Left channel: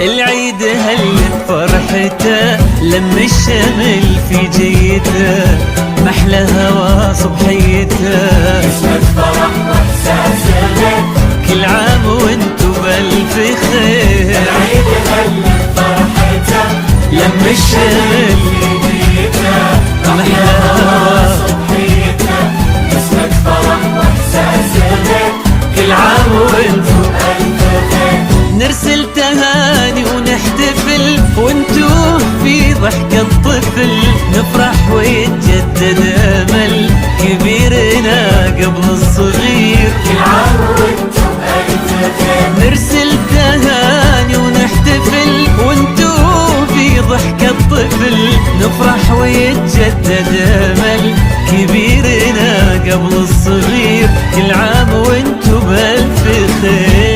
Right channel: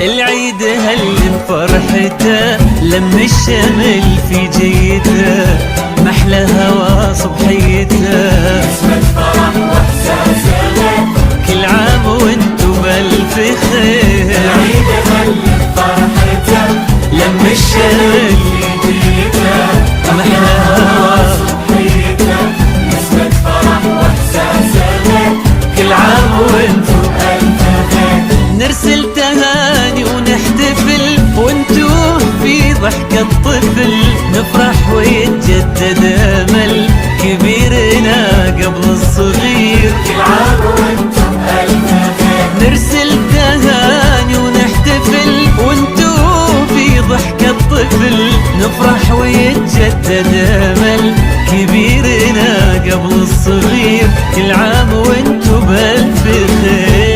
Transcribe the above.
العيد هل بفرحته لم الشمل في جيته محلى هوا صبحيته. كل عام وانتو بألف خير لم الشمل محلى هوا كل عام وانتو نرسل تهاني ونحتفل وانتو في ضحكة طفل نفرح ويتجدد امل كبيرنا قبل الصغير. نرسل تهاني ونحتفل وانتو في ضحكة طفل نفرح ويتجدد امل كبيرنا قبل الصغير. كل عام وانتو بألف خير.